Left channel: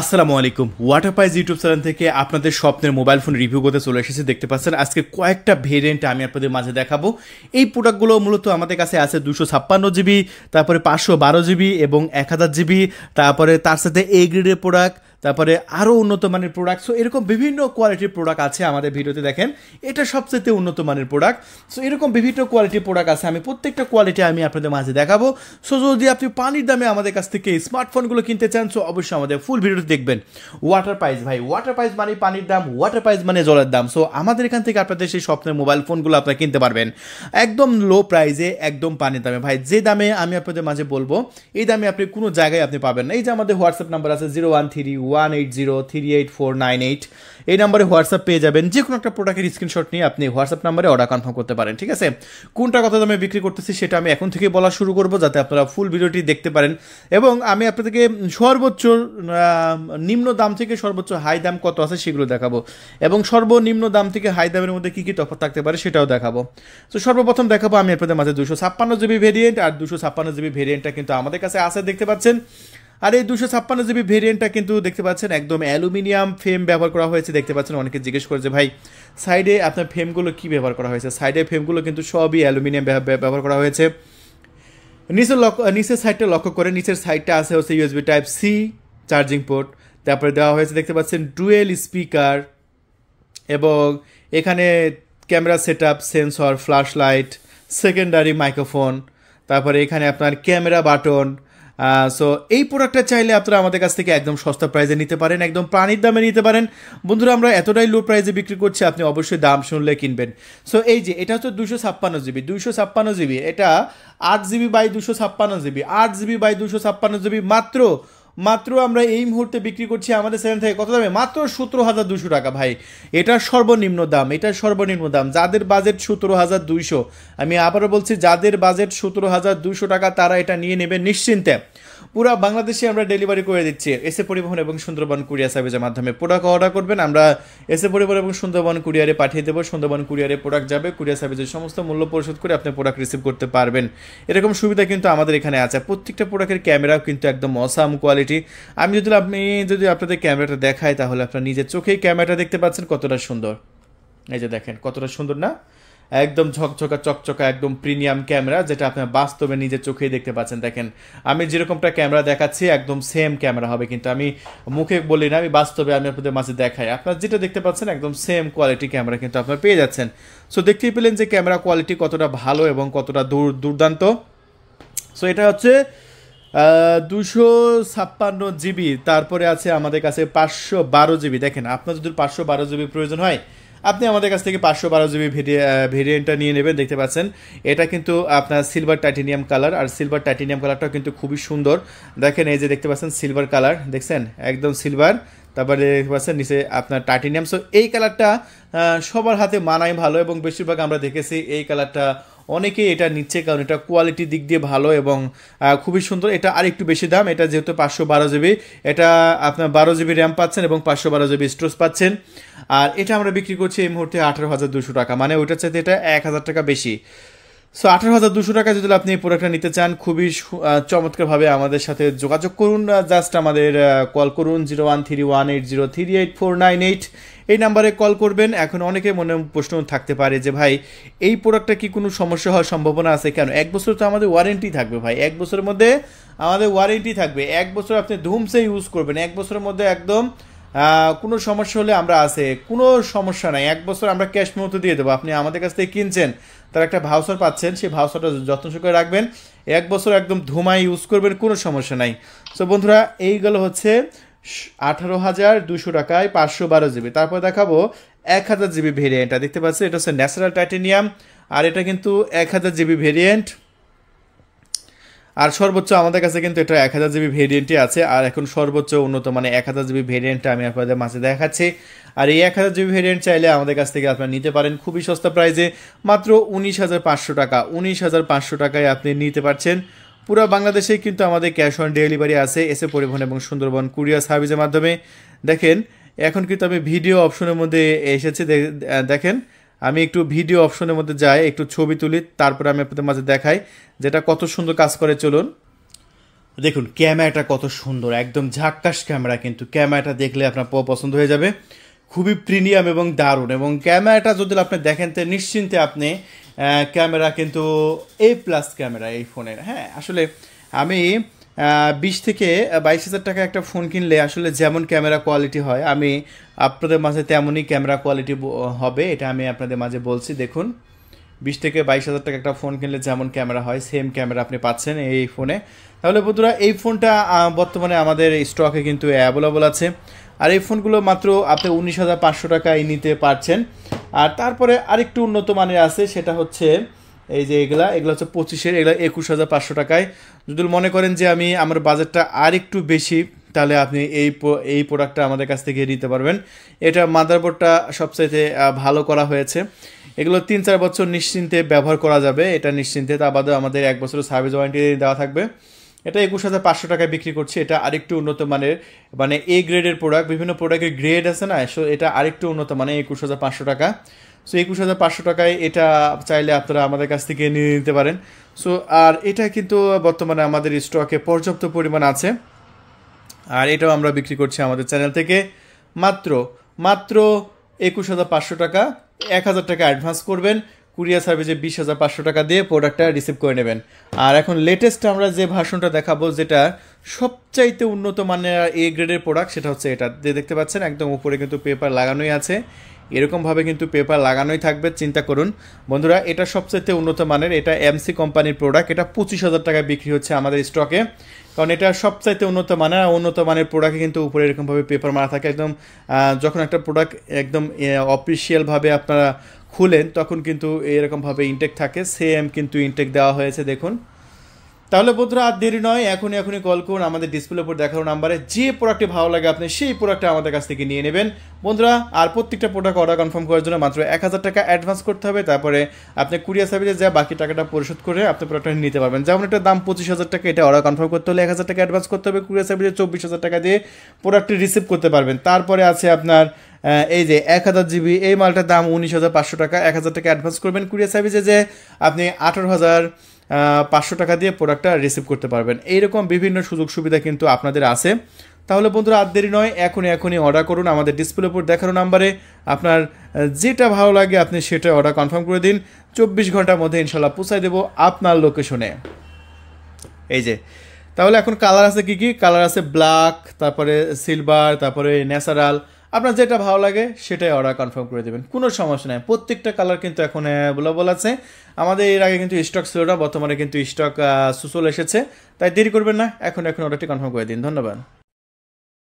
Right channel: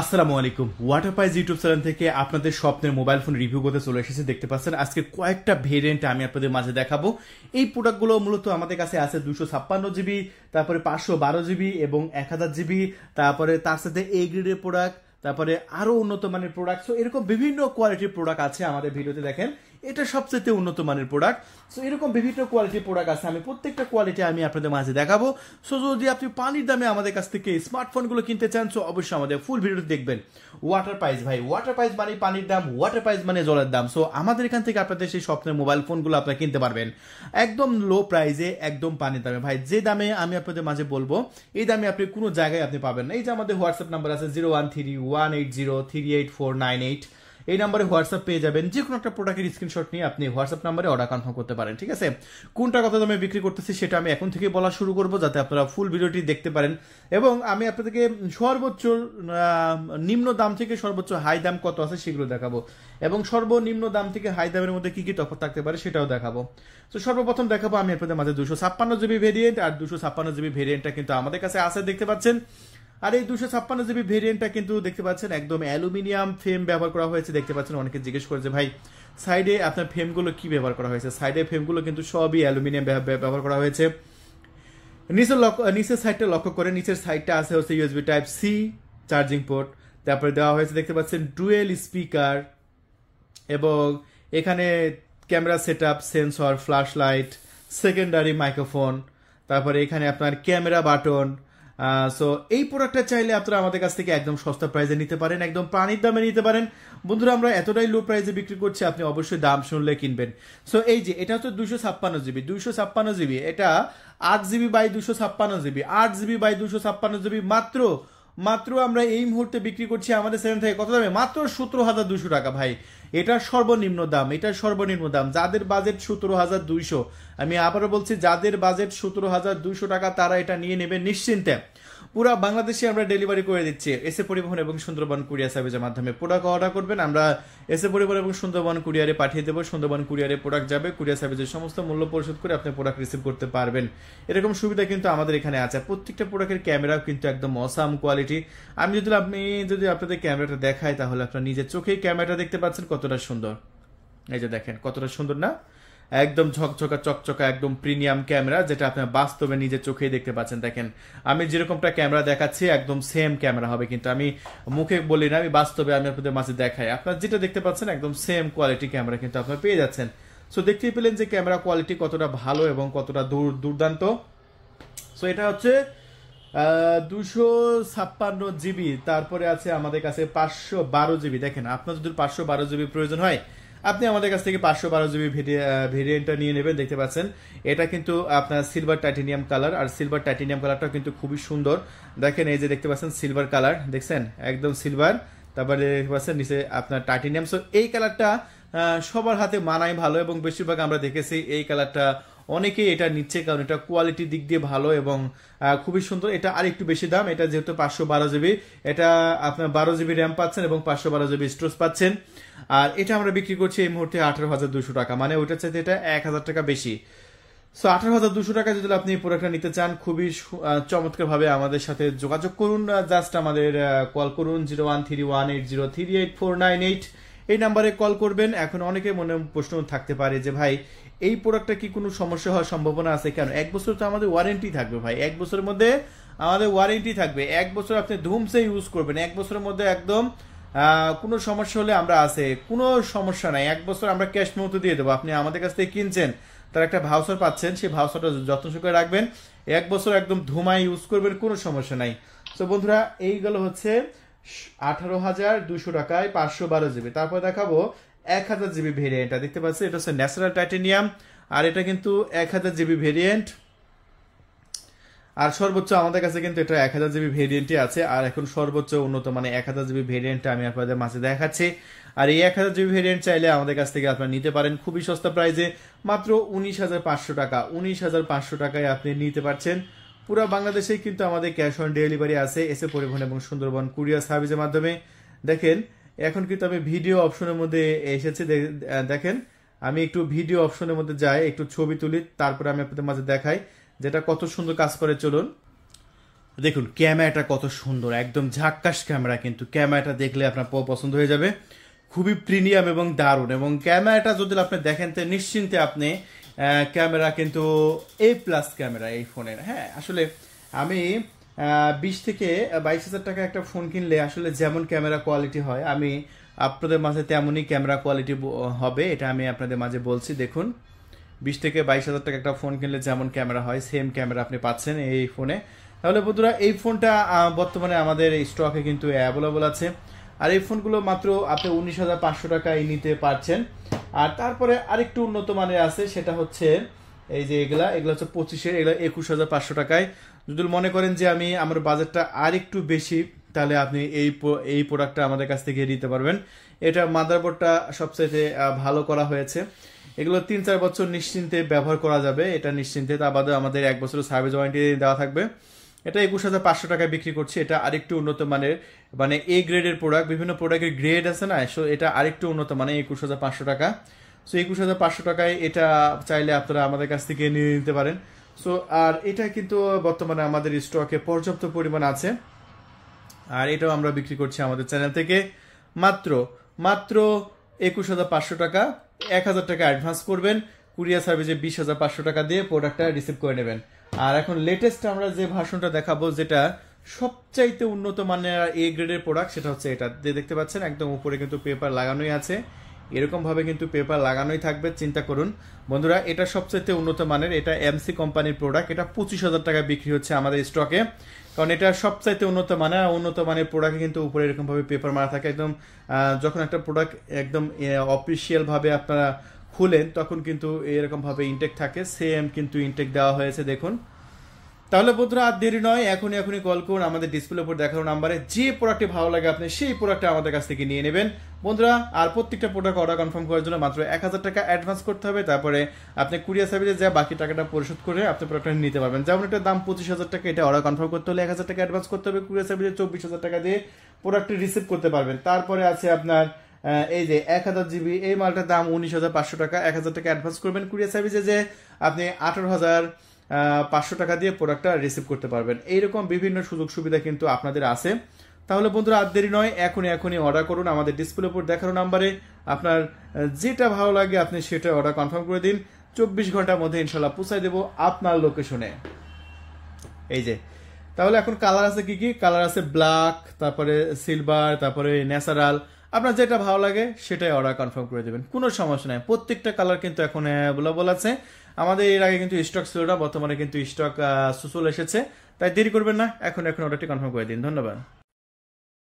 আসসালামু আলাইকুম ওয়াটারপাইজ YouTube channel থেকে আপনাদের স্বপ্নের মোবাইল ফোন রিভিউ করতে চলে এসেছে। দেখতে পাচ্ছেন আজকে কয়েকটা ভেরিয়েন্ট আমি আপনাদের মাঝে দেখাবো। এই প্রোডাক্টগুলো মূলত আমাদের কাছে আছে 256 জিবি, তারপরে 512 জিবি এবং 1000 জিবি, তারপরে তার সাথে এ গ্রেডের প্রোডাক্ট, তারপরে আরও উন্নত মানের প্রোডাক্ট। সো এরকম বিভিন্ন কোয়ালিটির প্রোডাক্ট আছে আমাদের ভিডিওতে। দেখেন এটা সবচেয়ে উন্নত মানের প্রোডাক্ট। সো এরকম বিভিন্ন কোয়ালিটির প্রোডাক্ট আছে, আমি প্রত্যেকটা কোয়ালিটি আমি আপনাদের মাঝে দেখাবো। সো যদি আপনি পানির দামে আমাদের কাছ থেকে স্মার্টফোনগুলো কিনতে চান, সো অবশ্যই আমাদের ফুল ভিডিওটি দেখবেন। ওয়াটার প্রাইস ভাই, ওয়াটার প্রাইস মানে পানির দাম, ওয়াটার প্রাইস মানে জলের দাম। সো আমাদের এখান থেকে আপনাদের সেই স্বপ্নের মোবাইল ফোনগুলো আপনারা কিনতে পারবেন একদম লো প্রাইসে, একদম পানির দামে। ভাই যে দামে আমি আপনাদের মাঝে বলবো এই দামে আপনি কোনো জায়গায় আপনি পাবেন না। এই যে আমাদের হোয়াটসঅ্যাপ নাম্বার আছে 0131803898, এই নাম্বারে হোয়াটসঅ্যাপ পেয়ে যাবেন। যে কোনো একটা প্রোডাক্টের স্ক্রিনশট নিয়ে আপনি হোয়াটসঅ্যাপ নাম্বারে অর্ডার কনফার্ম করতে পারেন। ঠিক আছে, কোনটা কত দামে বিক্রি করতেছি সেটা আমি এখন থেকে বলা শুরু করব, যাতে আপনারা ফুল ভিডিওটি দেখতে পারেন। এবং আমি আপনাদেরকে সর্বোচ্চ নিম্ন দাম থেকে সর্বোচ্চ হাই দাম কত আছে সেগুলো দেখাবো, এবং সর্বনিম্ন দাম থেকে হাই দামের মধ্যে কী কী তফাৎ থাকতে পারে সেটাও দেখাবো। তো সর্বপ্রথম দেখাবো আমি আপনাদের মাঝে 256 জিবি ভেরিয়েন্ট। আর 256 জিবি ভেরিয়েন্টটা কিন্তু আমাদের কাছে আছে, দেখতে পাচ্ছেন। আর এই 256 জিবি ভেরিয়েন্টটা কিন্তু দেখতে পাচ্ছেন একদম অ্যালুমিনিয়াম ফ্রেম ব্যবহার করা হয়েছে। দেখতে পাচ্ছেন অনেকে জিজ্ঞেস করেছে ভাই সাইডে আপনার ফ্রেমগুলো কী ব্যবহার করা হয়েছে। সাইডে ফ্রেমগুলো কিন্তু সবই অ্যালুমিনিয়াম ব্যবহার করা হয়েছে। নিচের সাইডটা লক্ষ্য করে, নিচের সাইডটা আছে হচ্ছে USB type C charging port. তারপরে দেওয়া হয়েছে দেখতে পাচ্ছেন ডুয়েল স্পিকার, এবং এখানে camera set up, sensor, flash light, secondary microphone, তারপরে এখানে আপনার ক্যামেরা বাটন। সো এই প্রোডাক্টটা চাইলে আপনারা আমাদের কাছ থেকে একদম সস্তা প্রাইসে নিতে পারেন, একদম পানির দামে নিতে পারেন। বন্ধুরা আমরা এতটাই লো প্রাইসে বিক্রি করছি, আপনি অবশ্যই দাম শুনলে কিনবেন। সো এই যে এটা হচ্ছে 256 জিবি, এটা 8 GB by 256 GB, 8 GB by 256 GB মাত্র আমরা এই মুহূর্তে বিক্রি করছি আমাদের চ্যানেল থেকে কত দামে, মাত্র 17,200 টাকা। ভাই এটা সর্বনিম্ন দাম, এটা সর্বনিম্ন দাম। যাদের বাজেট 17,200, আমি আবারও বলছি যাদের বাজেট 17,200 টাকা তারা এটা নিয়ে নেবে নিশ্চিন্তে। পুরো বাংলাদেশে আমরা ডেলিভারি করে দিচ্ছি এসএ পরিবহন এবং সুন্দরবন কুরিয়ার সার্ভিসের মাধ্যমে। প্রোডাক্ট অর্ডার করবেন, আমরা এসএ পরিবহন এবং সুন্দরবন কুরিয়ারে পাঠিয়ে দেবো। সুন্দরবন কুরিয়ারে প্রোডাক্ট যাবে, কুরিয়ার সার্ভিসের সমস্ত মূল্য পরিশোধ করে আপনি প্রোডাক্ট রিসিভ করতে পারবেন। এরকম সুবিধা কিন্তু আমাদের এখানে আছে। প্রত্যেকটা প্রোডাক্টের ক্যামেরাও কিন্তু একদম অসাম কোয়ালিটি। আমি যদি আপনাদের ক্যামেরাটা দেখাই তাহলে আপনার নিজের চোখেই ক্যামেরাটা দেখতে পাচ্ছেন কতটা সুন্দর। এই যে দেখেন কতটা সুন্দর না, একদম ঝকঝকা চকচকা একদম প্রিমিয়াম ক্যামেরা, যেটা আপনার বাস্তবে নিজের চোখেই দেখতে পাচ্ছেন। দেখেন আমি যেরকমটা ক্যামেরা দেখাচ্ছি একদম সেম ক্যামেরা হবে, কিন্তু আমি মুখে বলি না, আমি বাস্তবে আমি আপনাদের মাঝে দেখাই। আপনার যেটা দেখতে পাচ্ছেন একদম সেম কোয়ালিটি ক্যামেরা কিন্তু আপনারা পেয়ে যাচ্ছেন। সো দেখতেই পেলেন যে ক্যামেরা কোয়ালিটি কতটা ভালো এবং কতটা দুর্দান্ত। সো এটা হচ্ছে 256 জিবি। তারপরে আছে আমাদের কাছে 512 জিবি। দেখেন আপনার যদি 512 জিবি প্রয়োজন হয় আপনি আমাদের কাছ থেকে 512 জিবি ভেরিয়েন্টটা নিয়ে নেবেন। দেখতে পাচ্ছেন এটা কিন্তু আপনার সিলভার টাইটেনিয়াম কালার, আর সিলভার টাইটেনিয়াম কালারটাও কিন্তু খুবই সুন্দর। দেখেন এই যে দেখতে পাচ্ছেন সিলভার কালার, দেখছেন একদম সিলভার, তারপরে দেখতে পাচ্ছেন নিচে আপনার টাইটেনিয়াম। সো এই কালারটা সবার হাতে মানায় ভালো, এবং বেশিরভাগ আমরা দেখেছি এই কালারটা অনেকেই এটা নিচ্ছে, কারণ এটা কোয়ালিটির দিক দিয়ে ভালো এবং খুবই সুন্দর। এটা আর একটু বেশি দাম, এটা যেহেতু 512 জিবি, এটা আপনার 12 জিবি র্যাম পাচ্ছেন এবং 512 জিবি স্টোরেজ পাচ্ছেন। আর এটা আমরা বিক্রি করছি এই মুহূর্তে 18,200 টাকা, মানে ওইটার চাইতে এটা 1,000 টাকা বেশি। সো 18,200 টাকা যদি আপনি এই প্রোডাক্টটা নিতে চান, খুবই চমৎকারভাবে আমাদের সাথে যোগাযোগ করুন। জাস্ট আমাদের কল করুন 013180389498, এই নাম্বারে কল করবেন। এখন অনেকে মনে প্রশ্ন থাকতে পারে যে ভাই এই প্রোডাক্টটা কি কোনো সমস্যা হওয়ার সম্ভাবনা আছে? কেন, 1 বছর তো আমাদের ওয়ারেন্টি থাকবে ভাই, 1 বছরের মধ্যে আমাদের ওয়ারেন্টি থাকবে। 1 বছর আপনি ধুমসে ইউজ করবেন, 1 বছরের মধ্যে একদম কোনো সমস্যা হলে আমরা আছে, কোনো সমস্যা নাই। 1 বছর আমরা ক্যাশ মতো দিয়ে দেবো। আপনি আমাদের কাছ থেকে কিনছেন, তার একটা ভাউচার পাচ্ছেন, সেই ভাউচারটা যত্ন সহকারে রাখবেন, 1 বছর একদম ধুমাই ইউজ করবেন, কোনো সমস্যা নাই। সো বন্ধুরা এইগুলো হচ্ছে 18,200 টাকায় 512 জিবি। তারপর দেখাবো 1000 জিবি ভেরিয়েন্টটা। দেখতে পাচ্ছেন এটা হচ্ছে ন্যাচারাল টাইটেনিয়াম, আর এটা কিন্তু 1000 জিবি ভেরিয়েন্ট। আর সর্বোচ্চ আমাদের কাছে কিন্তু এটা 1000 জিবি ভেরিয়েন্টই আছে। আর এখন সর্বোচ্চ উন্নত মানে 1000 জিবি ভেরিয়েন্টটা আমি আপনাদের মাঝে দেখাচ্ছি। আর এই 1000 জিবি ভেরিয়েন্ট চাইলে আমাদের কাছ থেকে আপনারা নিতে পারেন খুবই সস্তা প্রাইসে, মাত্র 19,500 টাকা। 19,500 টাকায় আপনি নিতে পারছেন। পুরো বাংলাদেশে কিন্তু আমাদের ক্যাশ অন ডেলিভারি আছে এসএ পরিবহন এবং সুন্দরবন কুরিয়ার সার্ভিসের মাধ্যমে। দেখেন এখন কিন্তু আমি ভিডিও অপশনের মধ্যে এসেছে, দেখেন আমি একটু ভিডিও অপশনের মধ্যে যাই, একটু ছবি তুলি, তারপরে আমি আপনাদের মাঝে দেখাই যেটা কত সুন্দর কাজ করে। চলুন দেখুন ক্যামেরাটা কত সুন্দর, একদম ঝাক্কাস ক্যামেরা, কিন্তু ক্যামেরাটা দেখলে আপনার পছন্দ হয়ে যাবে, খুবই প্রিমিয়াম এবং দারুণ। এবং ক্যামেরাটা যদি আপনি দেখেন তো নিশ্চিন্তে আপনি ক্যামেরা কিন্তু A+ ক্যামেরা এই ফোনের। হ্যাঁ, আসলে আমি 20 থেকে 22 হাজার টাকা একটা ফোন কিনলে আসলে যেমন ক্যামেরা কোয়ালিটি হয় আমি আপনাদের মাঝে তেমনই ক্যামেরা কোয়ালিটি হবে, এটা আমি আপনাদের মাঝে বলছি। দেখুন 20 থেকে 22 হাজার টাকা একটা ফোন কিনলে যেমন ক্যামেরা হয় সেম ক্যামেরা আপনি পাচ্ছেন এই ফোনে। তাহলে বন্ধুরা এই ফোনটা বর্তমানে আমাদের স্টকে কিন্তু অ্যাভেলেবল আছে। আর এই ফোনগুলো মাত্র আপনি 19,500 টাকায় নিতে পারছেন। আর তারপরে আরেকটু উন্নত মানের আছে, সেটা হচ্ছে এই যে এগুলা হচ্ছে 25-এর, এগুলা 21,500 টাকায়। যদি মনে করেন যে আমার বাজেটটা আর একটু বেশি, তাহলে আপনি এই প্রোডাক্টটা আমাদের কাছ থেকে নিতে পারবেন। এটা মাদারবোর্ডটা সবচাইতে ভালো করা হয়েছে। এগুলো 3-4 বছর নিশ্চিন্তে ব্যবহার করা যাবে, এটা নিশ্চিন্তে। তা বাদে আমাদের 1 বছরের সার্ভিস ওয়ারেন্টি দেওয়া থাকবে। এটা 21,500 টাকায় বিক্রি করছে। এটা আরেকটু উন্নত মানের, মানে গ্রেডের প্রোডাক্ট, বিভিন্ন প্রোডাক্টের গ্রেড আছে না, সো এটা আরেকটু উন্নত মানে 21,500 টাকা। সো 21,500 টাকায় এটা চাইলে আপনারা আমাদের কাছ থেকে নিয়ে নিতে পারেন। সো আর এটা কিন্তু বর্তমানে আমাদের স্টকে পর্যাপ্ত পরিমাণ আছে। আর এটাও আমরা বিক্রি করছি আমাদের চ্যানেল থেকে মাত্র মাত্র 21,500 টাকা। 1,000 টাকা অ্যাডভান্স করবেন, কুরিয়ার সার্ভিসে 20,500 টাকা দিয়ে প্রোডাক্টটা রিসিভ করে নেবেন। আর এখন লেটেস্ট আমরা যে ভার্সনটা দেখাবো, যেটা সবচাইতে উন্নত মানের গ্রেডের প্রোডাক্ট, সেটা হচ্ছে এটা যে দেখতে পাচ্ছেন একদম উপরে কিন্তু পেপার লাগানোই আছে, এরকমভাবে কিন্তু পেপার লাগানোই থাকবে। চিন্তা করুন বন্ধুরা, এটা সবচাইতে উন্নত মানের, এটা MC কোম্পানির প্রোডাক্ট। এটা 25,000 টাকা বিক্রি হচ্ছে আমাদের স্টকে, কারণ এটা সবচাইতে উন্নত মানের। আর উন্নত মানের প্রোডাক্টে কিন্তু উপরে এরকমভাবে পেপার মারা থাকে। একদম যখন একটা প্রোডাক্ট একদম অফিসিয়ালভাবে আপনারা খুলেন তখন কিন্তু এরকমভাবে ইনটেক থাকে, সেম কিন্তু ইনটেক দেওয়া হয়েছে দেখুন। তাহলে বন্ধুরা আর দেরি নয়, এখনই কল করুন আমাদের ডিসপ্লের উপর দেখানো নাম্বারে। যে প্রোডাক্টটি ভালো লাগে আপনি সেই প্রোডাক্টটা আমাদের কাছ থেকে নিয়ে নেবেন বন্ধুরা। আর প্রত্যেকটা প্রোডাক্ট অর্ডার কনফার্ম করার জন্য মাত্র 1,000 টাকা অ্যাডভান্স করতে হবে। তারপরে আপনি কুরিয়ার সার্ভিসে যা বাকি টাকাটা পরিশোধ করে আপনি প্রোডাক্টটা নিতে পারবেন। যেমন এটার দাম 25,000 টাকা, এটা অর্ডার কনফার্ম করতে হলে 1,000 টাকা অ্যাডভান্স করতে হবে। কুরিয়ার সার্ভিসে 24,000 টাকা দিয়ে প্রোডাক্টটি রিসিভ করতে পারবেন। তারপরে আছে আপনার এই যে 1000 GB, এই মালটার দাম 19,500 টাকা। 1,000 টাকা অ্যাডভান্স করবেন কুরিয়ার সার্ভিসে, যে আপনি 18,500 টাকা দিয়ে প্রোডাক্টটা রিসিভ করতে পারবেন। এইরকম বিভিন্ন সুযোগ সুবিধা কিন্তু আপনাদের আছে। তাহলে বন্ধুরা আর দেরি নয়, এখনই অর্ডার করুন আমাদের ডিসপ্লের উপর দেখানো নাম্বারে। আপনার যেটা ভালো লাগে আপনি সেটা অর্ডার কনফার্ম করে দিন, 24 ঘন্টার মধ্যে ইনশাল্লাহ পৌঁছায় দেবো আপনার লোকেশনে। এই যে তাহলে এখন কালার আছে কি কি? কালার আছে ব্ল্যাক, তারপরে সিলভার, তারপরে ন্যাচারাল। আপনার যেটা ভালো লাগে সেটাই অর্ডার কনফার্ম করে দেবেন, কোনো সমস্যা নেই। প্রত্যেকটা কালার কিন্তু এখন অ্যাভেলেবল আছে। আমাদের এর আগে কিন্তু স্টক ছিল না, বর্তমানে কিন্তু স্টক চলে এসেছে। তাই দেরি করবেন না, এখন অর্ডারটি কনফার্ম করে দিন। ধন্যবাদ।